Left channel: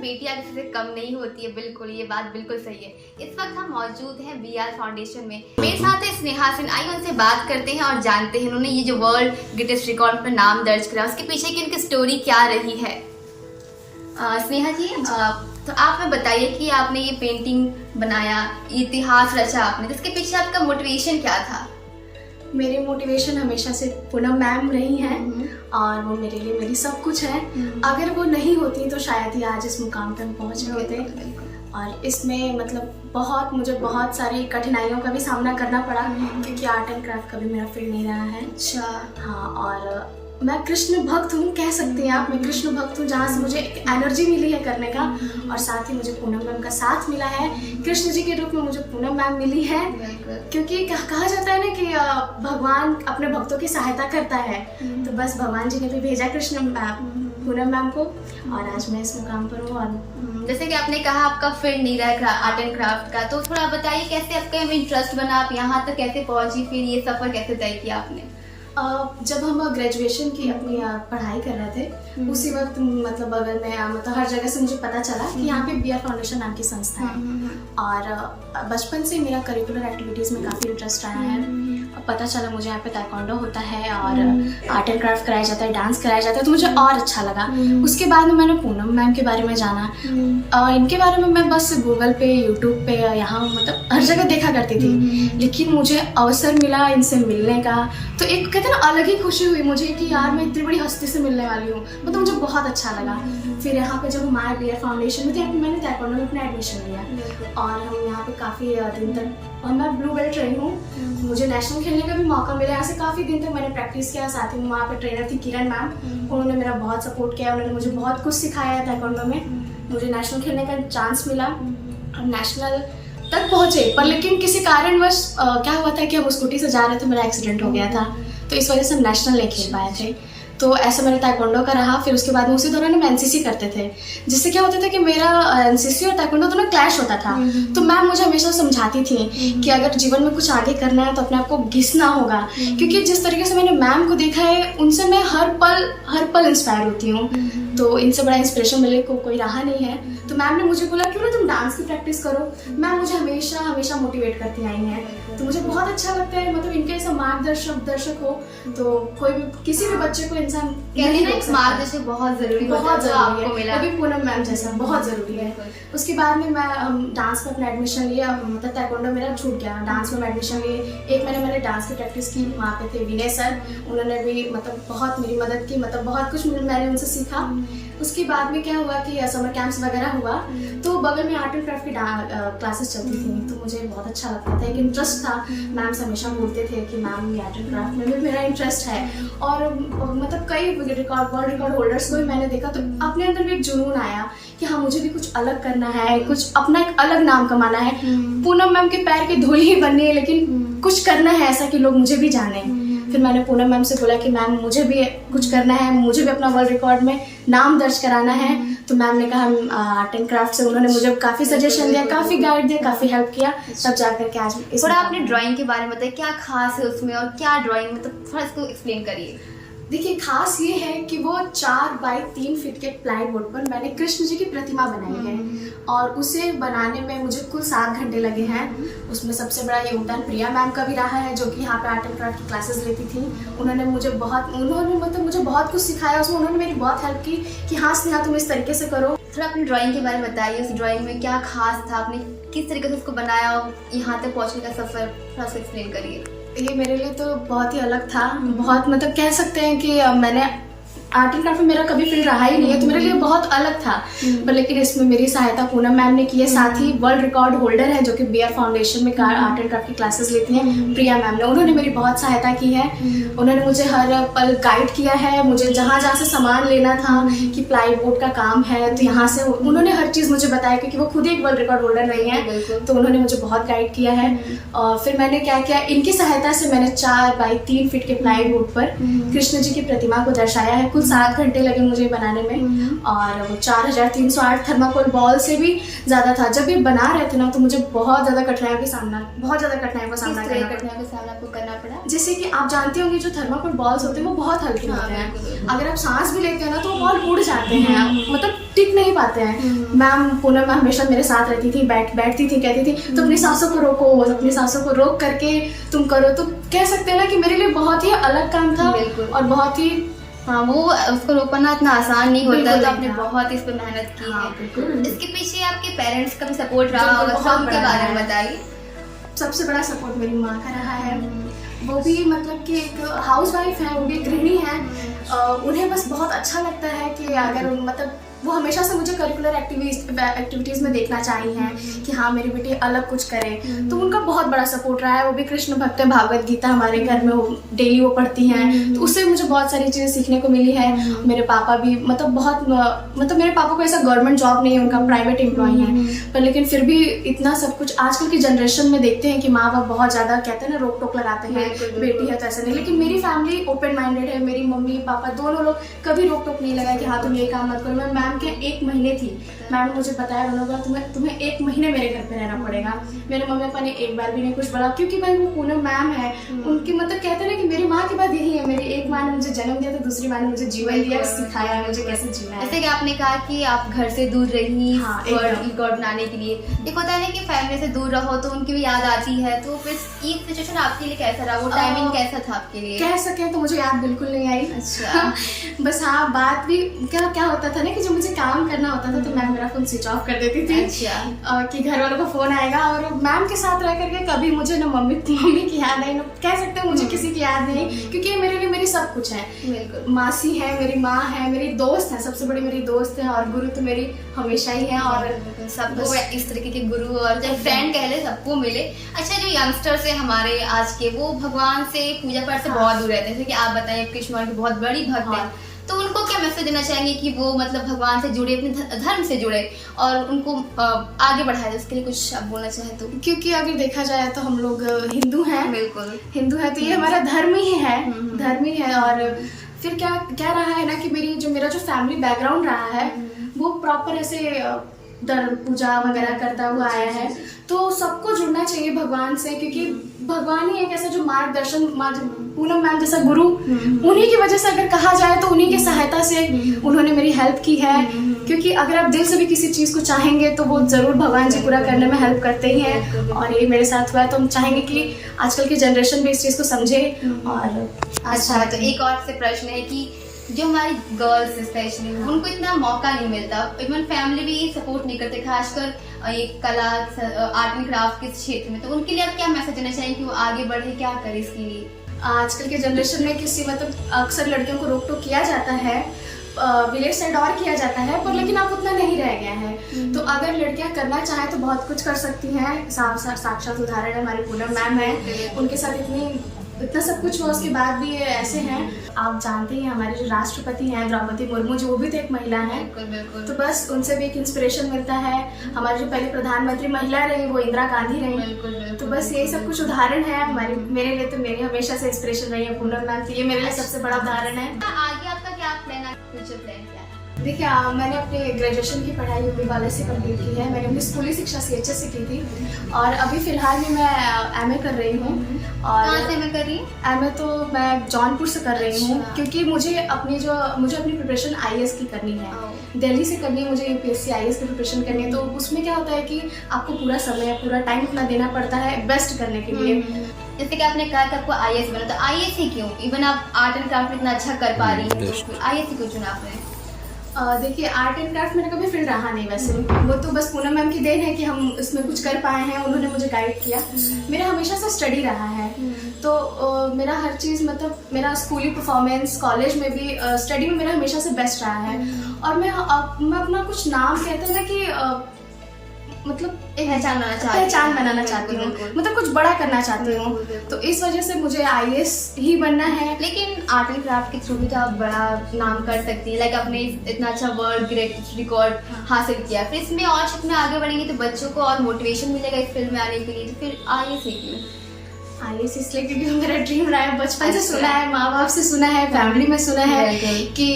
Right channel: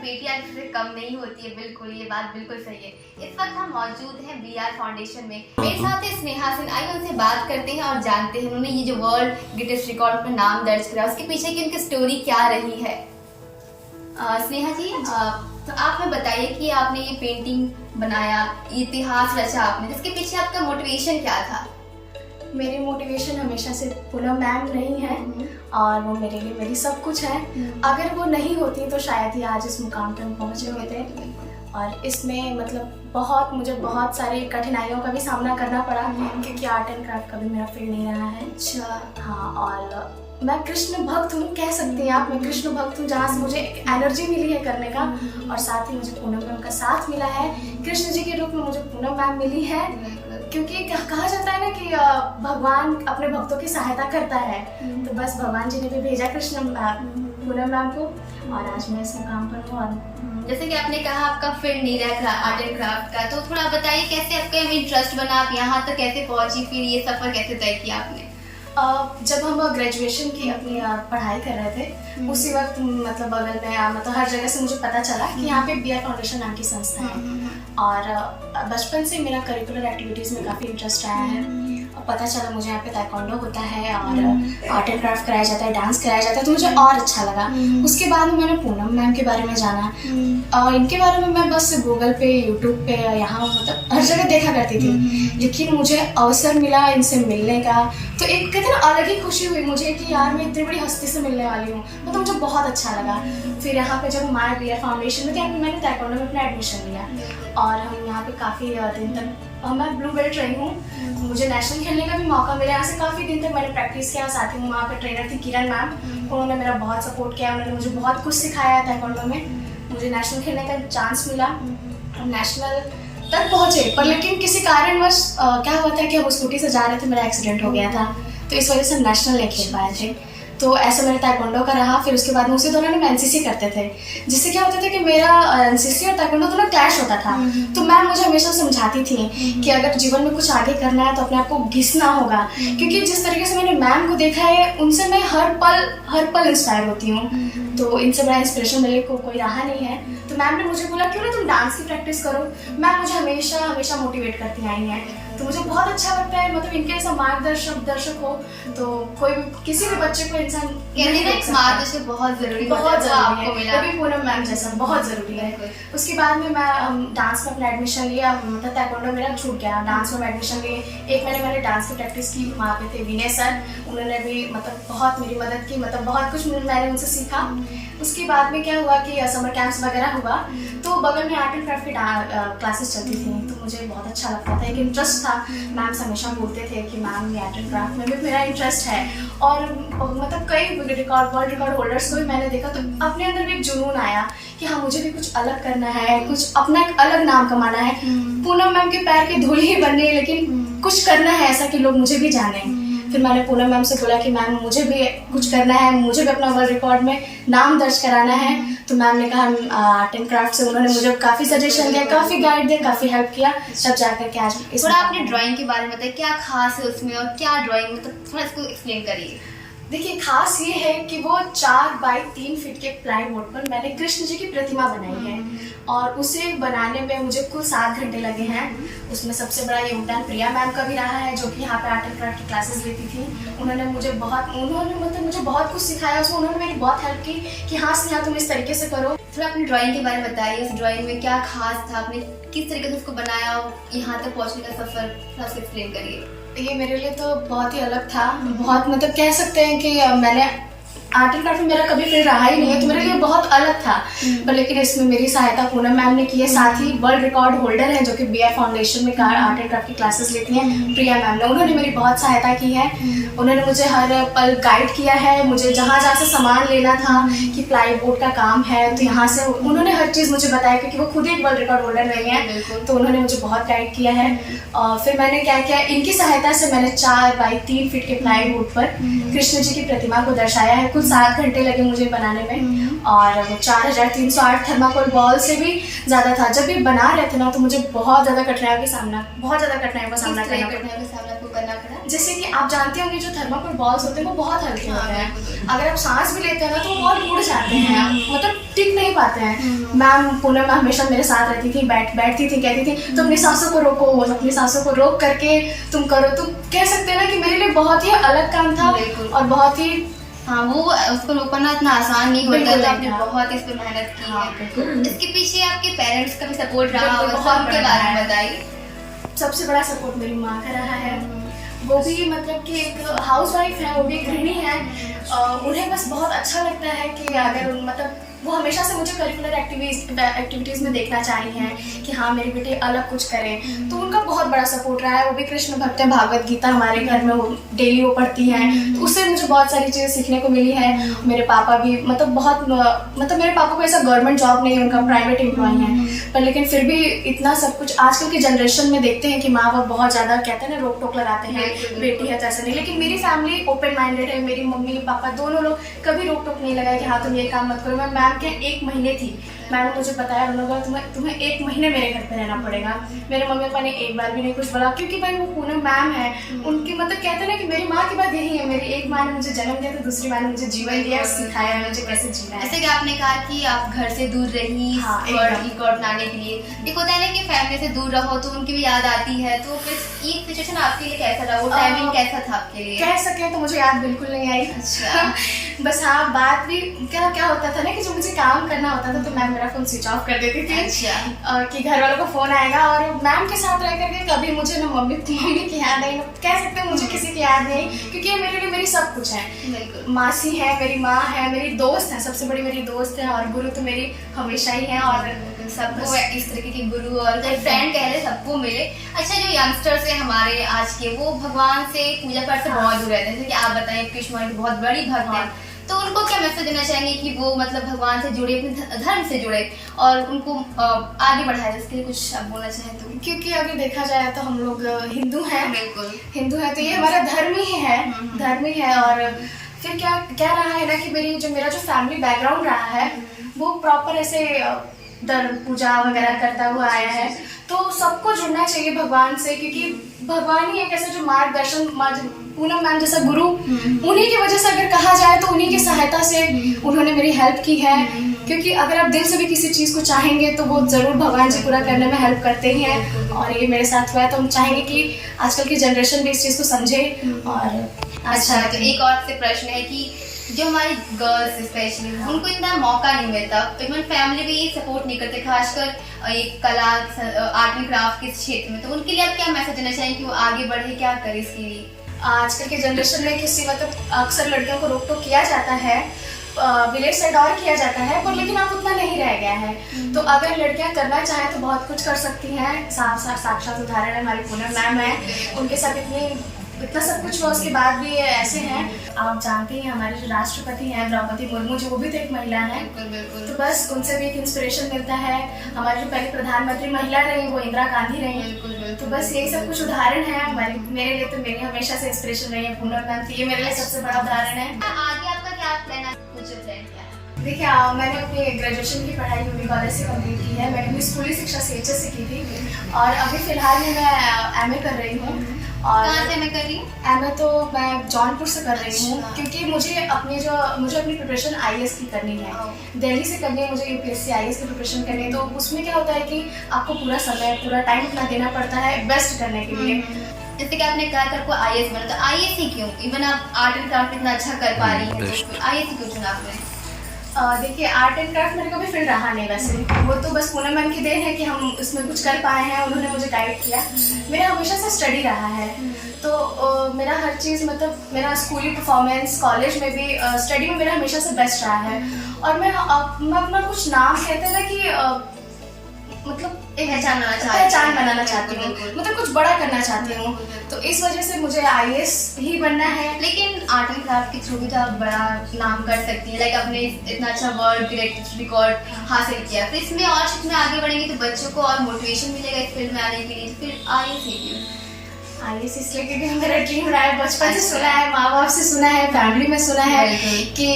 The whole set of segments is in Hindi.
बेटियां किसी से कम नहीं होती है, बिल्कुल ये बात बिल्कुल सही है। इस वक्त हम मौजूद हैं BR फाउंडेशन में। मेरे साथ है स्नेहा सिंह। आइए उनसे बात करते हैं और जानते हैं उन्होंने ये जो वर्ल्ड गिनेस रिकॉर्ड पर नाम दर्ज करा उसके पीछे की उनकी स्टोरी क्या रही है। स्नेहा जी, तो आप हमें बताइए कि आपने ये पेंटिंग बनाया, इतिहास रचा आपने, इसके पीछे आपका मोटिवेशन क्या था? मेरी मोटिवेशन हमेशा से पूनम मैम रही हैं और वो मेरे लिए मेरी सब कुछ है। अगर वो नहीं होती तो शायद ही आज इस मुकाम पर हम पहुँचे होते। और इसमें मतलब मुझे बहुत सारी कठिनाइयों का भी सामना करना पड़ा क्योंकि आर्ट एंड क्राफ्ट कभी मेरा फील्ड नहीं रहा है। अच्छा। हाँ, और मैं कृष्ण भक्त हूँ, कह सकती हैं आप। मैं कृष्ण भक्त हूँ, जहाँ से मुझे एनर्जी मिली है करने का, और साथ ही मुझे पूनम मैम का साथ मिला है। कृष्ण जी के रूप में मुझे पूनम मैम मिली है, क्योंकि कहा जाता है ना कि भगवान अपने भक्तों की सहायता करता है। तो बस भगवान जी ने भी भेजा पूनम मैम को, और आज मैं इस मुकाम पर हूँ। और जैसे कि आपने कहा आपका फील्ड नहीं रहा आर्ट एंड क्राफ्ट का, तो थोड़ा बताइए कैसे आपका इंटरेस्ट बना, आप यहाँ तक कैसे पहुंची, फिर ये सफर कैसे तय किया आपने? जब हम ग्रेजुएशन की अपनी पढ़ाई कर रहे थे, उसी वक्त मतलब बगल में मतलब हर जगह से मुझे पता चला कि यहाँ पे BR फाउंडेशन नाम की संस्था है। और बचपन से मेरा करिकुलर एक्टिविटीज़ में काफ़ी इंटरेस्ट आया है। पता चला मुझे यहाँ पे ताइक्वांडो होता है और आर्ट एंड क्राफ्ट कराया जाता है, डांस कराया जाता है, तो मुझे और अच्छा लगा। उसके बाद में मैंने पूनम मैम के बारे में जाना, और इनके बारे में मैं बस गूगल पे, यूट्यूब पे, यहाँ मतलब हर जगह देखा करती थी। लेकिन मुझे अवसर मिला इनसे मिलने का, तो एक कहते हैं ना अलग ही खुशी हुई मुझे कि यार मैं इतनी बड़ी हस्ती से मिलने वाली हूँ। मतलब मुझे बहुत अच्छा लगा। फिर यहाँ पे जब हम आए BR फाउंडेशन में, तो यहाँ पे मैंने ताइक्वांडो में अपना एडमिशन लिया, और हम यहाँ पे काफ़ी दिन तक, मैं ब्लू बेल्ट रही हूँ। मुझे नेशनल खेलने का भी मौका मिला। यहाँ से काफ़ी दिन तक मैंने प्रैक्टिस किया। साथ ही वहाँ पे ट्रेनर थी किरण मैम, उन्होंने मेरा बहुत सपोर्ट किया। उन्होंने मुझे बहुत कुछ सिखाया है ताइक्वांडो में। मुझे नेशनल खेलने का चांस मिला, नेशनल तक पहुँचे। पर लेकिन किसी कारणवश क्या हुआ था कि हम स्कूटी से जा रहे थे, मेरा एक्सीडेंट हो गया था, तो इस वजह से हम नेशनल नहीं खेल पाए थे। तो ऐसा मेरा ताइक्वांडो का रहा। फिर उसके बाद में उसी दौरान हम NCC करते थे, जिससे क्या होता था कि मेरा NCC और ताइक्वांडो दोनों क्लैश होता था। तो मैम मुझे हमेशा समझाती थी कि अगर जीवन में कुछ आगे करना है तो अपने आप को घिसना होगा, क्योंकि जिस तरीके से मैंने मैम को देखा है, उनसे मैं हर पल इंस्पायर होती हूँ। तो इनसे बड़ा इंस्पिरेशन मिलने को कोई रहा नहीं है। तो मैम ने मुझे बोला क्यों ना तुम डांस की प्रैक्टिस करो। मैम मुझे हमेशा मोटिवेट करती आई हैं, तो मुझे बहुत अच्छा लगता है। मतलब इनके ऐसा दर्शक हो तो कोई भी, किसी भी बच्चे को इंसान मार्गदर्शक बहुत जरूरी है, वो भी पूनम मैम जैसा बहुत जरूरी है। उसके बाद में मैं डांस में अपना एडमिशन लिया। मतलब ताइक्वांडो मेरा छूट गया, डांस में एडमिशन लिए। 1 महीने मैंने डांस की प्रैक्टिस की। वहाँ पे थे विनय सर, उन्होंने भी मतलब बहुत मेरी मदद की, मतलब बहुत कुछ मैंने उनसे सीखा। उसके बाद में क्या हुआ कि समर कैंप्स वगैरह हुआ, तो बगल में आर्ट एंड क्राफ्ट की क्लासेस चलती थी, तो मुझे बहुत अच्छा लगता था, एक इंटरेस्ट था। मैम से हमेशा बोलते थे कि मैम आर्ट एंड क्राफ्ट में भी मेरा इंटरेस्ट है। और मतलब कई वर्ल्ड रिकॉर्ड होल्डर्स को भी मैंने देखा, तो अपने अंदर भी एक जुनून आया कि हाँ मुझे भी कुछ अलग करना है, कुछ अपना एक अलग नाम कमाना है। पूनम मैम के पैर की धूल ही बननी है, लेकिन कुछ करना है ऐसा कि लोग मुझे भी जाने। फिर मैंने पूनम मैम से बोला कि मैम मुझे भी कुछ करना है, मुझे भी अपना वर्ल्ड रिकॉर्ड में नाम दर्ज कराना है। तो मैम ने कहा आर्ट एंड क्राफ्ट से, उन्होंने मुझे काफ़ी सजेशन दिया, काफ़ी गाइड दिया, काफ़ी हेल्प किया, तब जाकर के आज थोड़ा आपने ड्राइंग के बारे में बताया, क्या खास है उसमें और क्या ड्राइंग, मतलब थोड़ा इसको एक्सप्लेन करिए। देखिए, खास ये है कि वो 4 बाई 3 फीट के प्लाई बोर्ड पर मैंने कृष्ण जी की प्रतिमा बनाई है, और उसे बनाने में मुझे कुल 7 घंटे लगे हैं। उसमें सबसे बड़ा योगदान प्रिया मैम का भी रहा है, जो कि यहाँ पे आर्ट एंड क्राफ्ट की क्लासेस लेती थी। उन्होंने मतलब मुझे बहुत कुछ सिखाया। उसमें उन्होंने मेरी बहुत हेल्प की कि हाँ स्नेहा तुम इस तरीके से करो। थोड़ा अपनी ड्राइंग के बारे में बताइए, उस ड्राइंग में क्या खास था, आपने किस तरीके से उसको बनाया और यहाँ तक पहुँचने का सफर थोड़ा सा एक्सप्लेन करिए। ये मेरे लिए तो बहुत ही अलग था। बहुत मतलब कह सकते हैं कि मैंने आर्ट एंड क्राफ्ट में मेरा कभी फील्ड रहा ही नहीं है, तो मेरे लिए बहुत अलग था। पर लेकिन इसमें मेरी सहायता पूनम मैम ने की है। साथ ही वर्ल्ड रिकॉर्ड होल्डर है जो कि BR फाउंडेशन में आर्ट एंड क्राफ्ट की क्लासेस लेती हैं, प्रिया मैम ने, उन्होंने मेरी बहुत सहायता की है। उन्होंने मुझे हर पल गाइड किया है। मुझे जहाँ से सामान लेना था कि प्लाई बोर्ड का काम है, तो यहाँ से उन्होंने हर चीज़ मुझे बताया, क्योंकि वो खुद ही एक वर्ल्ड रिकॉर्ड होल्डर नहीं है, तो उन्होंने मुझे बहुत गाइड किया है। और फिर मैंने क्या किया, इनकी सहायता से मैंने 4 बाई 3 फीट के प्लाई बोर्ड पर कृष्ण जी की प्रतिमा को दर्शाया है। 7 घंटे लगे मुझे बनाने में, और और वो 4308 थर्माकोल बॉल से भी ज़्यादा था। जब ये बना रहे थे ना तो मुझे बहुत ज़्यादा कठिनाइयों का सामना करना आपको करना पड़ा? जैसे कि आप जानते होंगे जो थर्माकोल बॉल्स होते हैं वो बहुत हल्के होते हैं, अगर आप सांस भी लेते हैं ना तो वो बॉल उड़ जाते हैं, मतलब टिक नहीं पाते हैं। मैम पूनम मैम हमेशा मेरे साथ रहती थी, बैठती थी, कहती थी तुम अपनी सांसों को रोको, अपनी सांसों को रोक करके तुम करो। तो कह सकते हैं ना कि मेरे लिए बहुत ही अलग काम था और बहुत ही हाँ, वो उसको रोकना इतना आसान नहीं होता, तो आपने नहीं था। बहुत इस पर मेहनत की हाँ, है। बिल्कुल। इसके पीछे आपके पेरेंट्स का भी सपोर्ट रहा बिल्कुल, होगा, बहुत उनके बड़ा बारे है। में बताइए। सबसे बड़ा सपोर्ट मेरी माँ का रहा है। वो भी मतलब कि एक हाउस वाइफ है, वो भी एक गृहिणी है। उन्हें बस बहुत अच्छा लगता है कि अगर मतलब वो हमेशा से मुझे करिकुलर एक्टिविटीज़ में देखना चाहिए हैं कि हाँ मेरी बेटी अलग कुछ करे, तो उनका बहुत बड़ा सपोर्ट रहा है। वो भी कृष्ण भक्त है, भागवत गीता हमारे घर में डेली वो पढ़ती हैं, तो उससे मुझे बहुत सारी चीज़ें सीखने को मिली है। मेरे पापा भी मतलब मेरे पापा को ऐसा गवर्नमेंट जॉब नहीं है, उनका प्राइवेट एम्प्लॉय है, पर लेकिन फिर भी इतना सब कुछ आजकल की जनरेशन में देखते हैं कि माँ बाप बहुत ज़्यादा कहते हैं ना रोक टोक लगाते हैं, बेटी है तो ऐसा नहीं। लेकिन मेरी फैमिली ओपन माइंडेड है, मेरी मम्मी पापा दोनों लोग कभी रोक टोक नहीं लगाए कि हाँ तुम ये काम मत करो। मैं मैम के 1 महीने थी, मैम ने मुझे बताया उन्होंने तुम्हें 1 महीने मेरे घर पे रहना पड़ेगा। मेरे मम्मी पापा ने एक बार भी नहीं कुछ बोला, क्योंकि भाई वो पूनम मैम है, उनकी मतलब कहते हैं ना कि मेरी माँ की बात यही है, मेरी एक माँ ने मुझे जन्म दिया तो दूसरी माँ ने मुझे जीवन दिया, सिखाया है मुझे कैसे जीना है। जैसे कि आपने कहा कि आप घर से दूर रही हाँ, रिकॉर्ड बनाने के लिए, एक होता है ना कि फैमिली से दूर रहो तो उनकी भी याद आती है, तो फिर ये सिचुएशन आपके लिए कैसा रहा, वो टाइमिंग कैसा था आपके लिए? कह सके तो मुझे याद बिल्कुल नहीं आई। अच्छा। बस हाँ, बात भी क्या होता था ना कि जब मुझे काम करना होता था तो मैम मेरा फोन स्विच ऑफ कर देती थी। अच्छा। कि घर वालों का फोन आएगा, और मैम के साथ रह करके कभी मुझे ना मम्मी की याद आई, ना कह सकते हैं मुझे किसी की याद नहीं, क्योंकि ये मेरे लिए मेरी सब कुछ है। मासी है, मेरी माँ है, मेरी दोस्त है, सबसे बड़ी मेरी दोस्त है, और गुरु तो मेरी हमेशा ही है। और सबको इस तरीके के गुरु और फ्रेंड कह ले सबको मिले। अच्छा, जो यंगस्टर्स हैं हमारे आज के, वो भगवान से पूजा पाठ से बहुत दूर रहते हैं, जैसे कि आप बताएं कृष्ण भगवान की बहुत बड़ी भक्त है, तो उनको क्या मैसेज देना चाहेंगे कि वो मतलब भगवान से जुड़े, अपने धर्म से जुड़े और उनको आगे बढ़ाए? इसके लिए कुछ आप बोलना चाहें तो? क्योंकि अगर देखा जाए तो हम लोग हिंदू हैं, बिल्कुल हिंदू है, तो ये हमारा धर्म ही है, धर्म ही है। और फिर क्या रहा है ना कि मेरा जो फैमिली बैकग्राउंड रहा है वो प्रॉपर ऐसे धर्म पूजा वगैरह करता हुआ आया है, तो सबको जुड़ना चाहिए भगवान से, क्योंकि भगवान ही एक ऐसा जो मार्गदर्शन, पूनम मैम जैसा गुरु, उन्हीं की वजह से अगर कहा जाए तो उन्हीं की सहायता से उन्होंने मेरी हेल्प की है। क्योंकि अगर आप दिल से भी किसी चीज़ को चाहेंगे तो वो ज़रूर भगवान जी पूरा करने में हेल्प करते ही हैं, और ये मेरे साथ हुआ है। तो हम चाहेंगे कि आजकल की जनरेशन भी इस चीज़ को समझे। और अच्छा, तो एक और से प्रश्न है कि जो हमारी गर्ल्स स्पेशली उनको इतना मौका नहीं मिलता, इवन फैमिली भी ये सपोर्ट नहीं करते, खासकर एक कला आर्ट एंड क्राफ्ट के क्षेत्र में, तो उनके लिए आप क्या मैसेज देना चाहेंगे कि वो आगे बढ़े, क्या करे इसके लिए? आजकल के जनरेशन में मतलब अक्सर लड़कियों को रोक टोक किया जाता है, विलेज साइड और किया जाता है, पर लेकिन अब उतना नहीं रह गया है। तो अगर लड़कियां करना चाहें तो बहुत कुछ कर सकती हैं। साक्षात उदाहरण है हमारी पूनम मैम है, उनके साथ इतना सब कुछ हुआ, उसके बाद भी ये ऐसे हैं। आप जानते हैं हमारे जो राष्ट्रपति हैं द्रौपदी मुर्मू जी, वो भी तो एक महिला हैं, तो बस उनसे भी एक इंस्पिरेशन मिलता है। हमारे जो पहले प्रधानमंत्री महिला रही वो इंदिरा गांधी रही, तो बस यही सब कुछ उदाहरण है हमारे। मेरे लिए तो मेरी हमेशा से इंस्पिरेशन रही है पूनम मैम, तो ये मेरे लिए सबसे बड़ा उदाहरण है। आगे आपका क्या प्लान है, फ्यूचर प्लान क्या है? देखिए मैंने अपनी ग्रेजुएशन की पढ़ाई यूपी कॉलेज से कंप्लीट की है। मैंने अपनी स्कूली शिक्षा CHS से की थी, और अभी फिलहाल में मैं MA कर रही हूँ। और कहाँ से MA कर रही हूँ? MA तो मैं जौनपुर से कर रही हूँ, क्योंकि मुझे अपनी प्रिपरेशन IAS की करनी है, दिल्ली से करनी है, मुझे UPSC IAS की प्रिपरेशन करनी है। तो उसमें क्या होता है कि आपको पूरा समय पूरा टाइम अपना देना पड़ता है बेस्ट करने के लिए। जैसे कि आपने कहा कि आपको IAS बना, तो IAS ही क्यों? इवन आप आर्ट एंड क्राफ्ट इतना अच्छा कर पा रही हैं, तो IAS ही क्यों चुना आपने? देखिए आर्ट एंड क्राफ्ट मेरा कभी फील्ड रहा नहीं वैसे, वो तो बस पूनम मैम की देन है कि हम इसमें कुछ कर पाए हैं, उन्होंने मुझे गाइड किया। मेरा हमेशा से स्टडी रहा है, तो मेरा हर चीज़ मतलब मेरा स्कूली परफॉर्मेंस, कॉलेज में भी स्टडी में मेरा हमेशा से बेस्ट रहा है। और मैं अपना कुछ नाम कहते हैं ना कि मतलब एक पहचान बनाना चाहती हूँ, मतलब कुछ बड़ा करना चाहती हूँ, तो इस वजह से मुझे IAS ही बनना है। लेकिन आर्ट एंड क्राफ्ट के थ्रू भी तो आप बड़ा नाम कर सकती हैं, लाइक आपने इतना अच्छा वर्ल्ड ग्रेटेस्ट रिकॉर्ड हासिल किया, फिर इसमें और में आगे बढ़ेंगे तो बच्चों को और मोटिवेशन मिलेगा इस फील्ड में आने के लिए, फिर IAS ही क्यों? IAS इसलिए क्योंकि मेरा ड्रीम रहा है, बचपन से सुना है, माँ बाप से सुना है, फैमिली में सुना है कि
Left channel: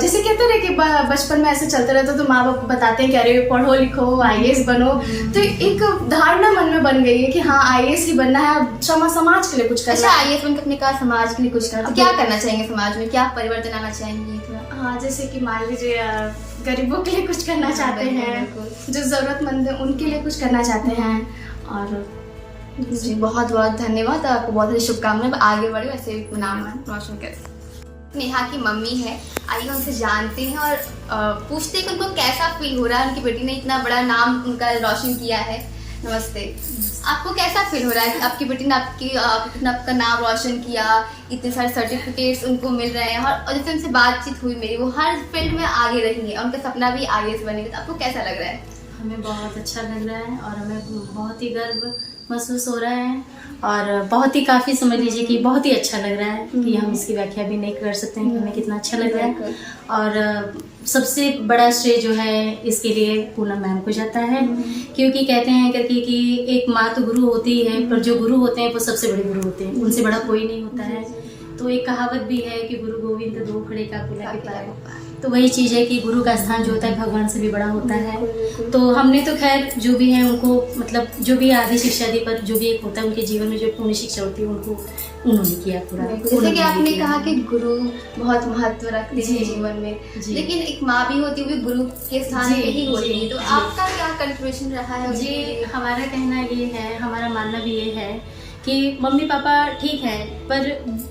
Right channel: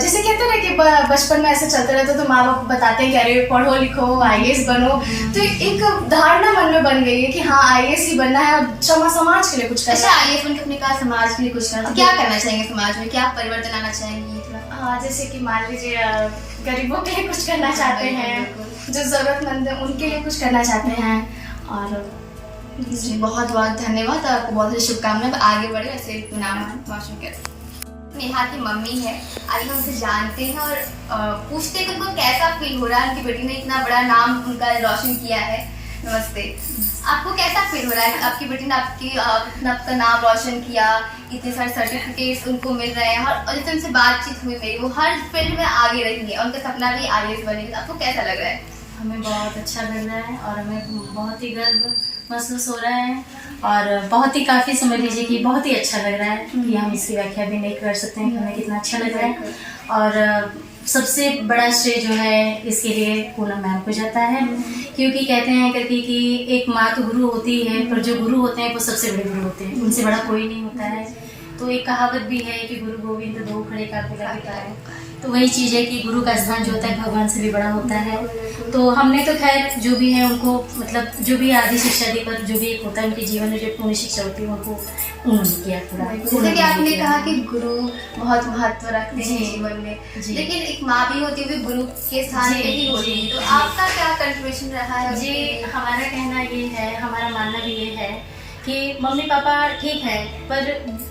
जैसे कहते हैं ना कि बचपन में ऐसे चलते रहते तो माँ बाप बताते हैं कि अरे पढ़ो लिखो IAS बनो, तो एक धारणा मन में बन गई है कि हाँ IAS ही बनना है, समाज के लिए कुछ करना है। IAS बनकर अपने कहा समाज के लिए कुछ करना, तो क्या करना चाहेंगे समाज में, क्या परिवर्तन आना चाहेंगे? हाँ, जैसे कि मान लीजिए गरीबों के लिए कुछ करना चाहते हैं, जो जरूरतमंद है उनके लिए कुछ करना चाहते हैं। और जी बहुत बहुत धन्यवाद, आपको बहुत सारी शुभकामनाएं, आगे बढ़े ऐसे नाम रोशन करें। नेहा की मम्मी है, आइए उनसे जानते हैं और पूछते हैं कि उनको कैसा फील हो रहा है, उनकी बेटी ने इतना बड़ा नाम उनका रोशन किया है। नमस्ते, आपको कैसा फील हो रहा है, आपकी बेटी ने आपका नाम रोशन किया, इतने सारे सर्टिफिकेट्स उनको मिल रहे हैं, और जैसे उनसे बातचीत हुई मेरी, वो हर फील्ड में आगे रही है, उनका सपना भी IAS बनेगा, आपको कैसा लग रहा है? हमें बहुत अच्छा लग रहा है और हमें बहुत ही गर्व महसूस हो रहा है और बहुत ही काफ़ी समझ लीजिए कि बहुत ही अच्छा लग रहा है कि हम इसकी व्याख्या भी नहीं कर सकते हैं कि हमें कितना अच्छा लग रहा है। और सबसे बड़ा श्रेय जो है इसके लिए पूनम मैम को जाता है, क्योंकि कहते हैं करके कि एक माँ तो गुरु होती है, पर जो गुरु होते हैं वो सबसे बड़े गुरु होते हैं, उनसे बड़ा कोई नहीं होता है। तो एक कहावत भी है कि गुरु गोविंद दो खड़े का कुला के पाए, तो वही चीज़ है कि गुरु का स्थान जो होता है भगवान से भी बड़ा होता है। तो हमने तो खैर जो भी है उनको मतलब जो भी आदि शिक्षा दी पर जो भी एक होता है उनके जीवन में जो पूर्ण शिक्षा होती है उनको उन्होंने किया पूरा। जैसे कि आपने कहा कि गुरु बहुत महत्व रखते हैं जीवन में, लेकिन एक माँ भी होती है, वो भी गुरु के स्थान पे ही होती है, तो आपका क्या कंट्रीब्यूशन रहा है? जी, हमारा कहना ये है, हमारा मानना भी ये है कि मम्मी पापा ठीक है, पर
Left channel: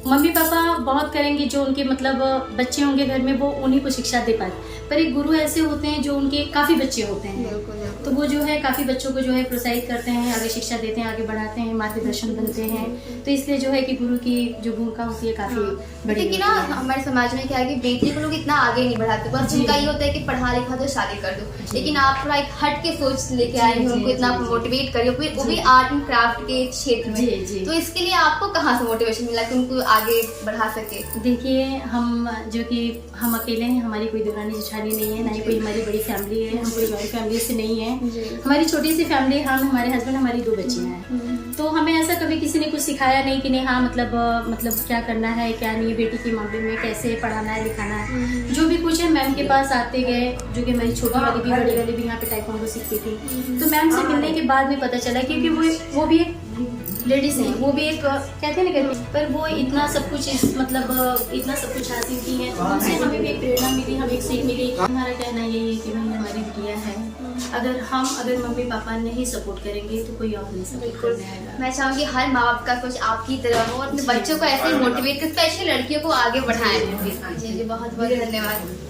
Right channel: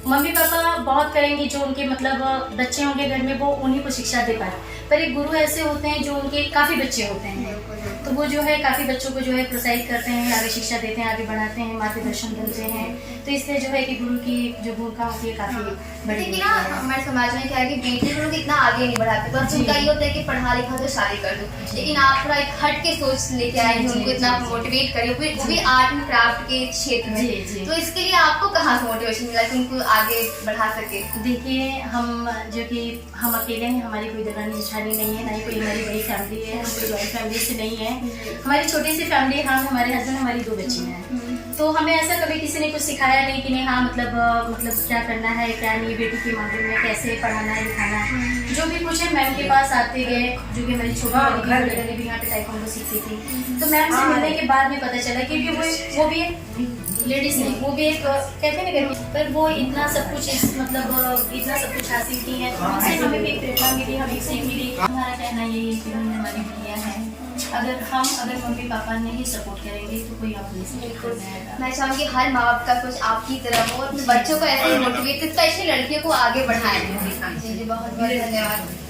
मम्मी पापा बहुत करेंगे, जो उनके मतलब बच्चे होंगे घर में वो उन्हीं को शिक्षा दे पाए, पर एक गुरु ऐसे होते हैं जो उनके काफ़ी बच्चे होते हैं, तो वो जो है काफ़ी बच्चों को जो है प्रोत्साहित करते हैं, आगे शिक्षा देते हैं, आगे बढ़ाते हैं, मार्गदर्शन बनते हैं। तो इसलिए जो है कि गुरु की जो भूमिका होती है काफ़ी बड़ी। लेकिन ना हमारे समाज में क्या है कि बेटी को लोग इतना आगे नहीं बढ़ाते, बस उनका ये होता है कि पढ़ा लिखा तो शादी कर दो, लेकिन आप थोड़ा एक हट के सोच लेके आए हैं, उनको इतना मोटिवेट करिए, वो भी आर्ट एंड क्राफ्ट के क्षेत्र में। तो इसके लिए आपको कहाँ से मोटिवेशन मिला कि उनको आगे बढ़ा सके? देखिए, हम जो कि हम अकेले हैं, हमारी कोई दरानी जेठानी नहीं है, ना ही कोई हमारी बड़ी फैमिली है, हम कोई जॉइंट फैमिली से नहीं है, हमारी छोटी सी फैमिली, हम हमारे हस्बैंड, हमारी 2 बच्चे हैं। तो हमें ऐसा कभी किसी ने कुछ सिखाया नहीं कि नहीं हाँ मतलब क्या करना है क्या नहीं, बेटी की मामले में कैसे पढ़ाना है लिखाना है, जो भी कुछ है मैम के पास आते गए, जो कि हमारी छोटी वाली भी बड़ी वाली भी यहाँ पे ताइक्वांडो सीखती थी। तो मैम से मिलने के बाद में पता चला क्योंकि वो भी एक लेडीज है, वो भी एक कहते हैं ना करके, पर वो इतना सब कुछ इतना सब कुछ हासिल की है, तो उनसे हमें भी एक प्रेरणा मिली, हमें एक सीख मिली। हमारा कहना यही है कि भाई हमारी बिटिया है, अगर मम्मी पापा नहीं सपोर्ट करेंगे तो कोई और नहीं सपोर्ट करने आएगा। मैं चाहूँगी हर माँ बाप का कुछ आपकी तरह हो, अपने बच्चों को ऐसे मोटिवेट, स्पेशली लड़कियों को आगे बढ़ाएं। जी बहुत बहुत धन्यवाद।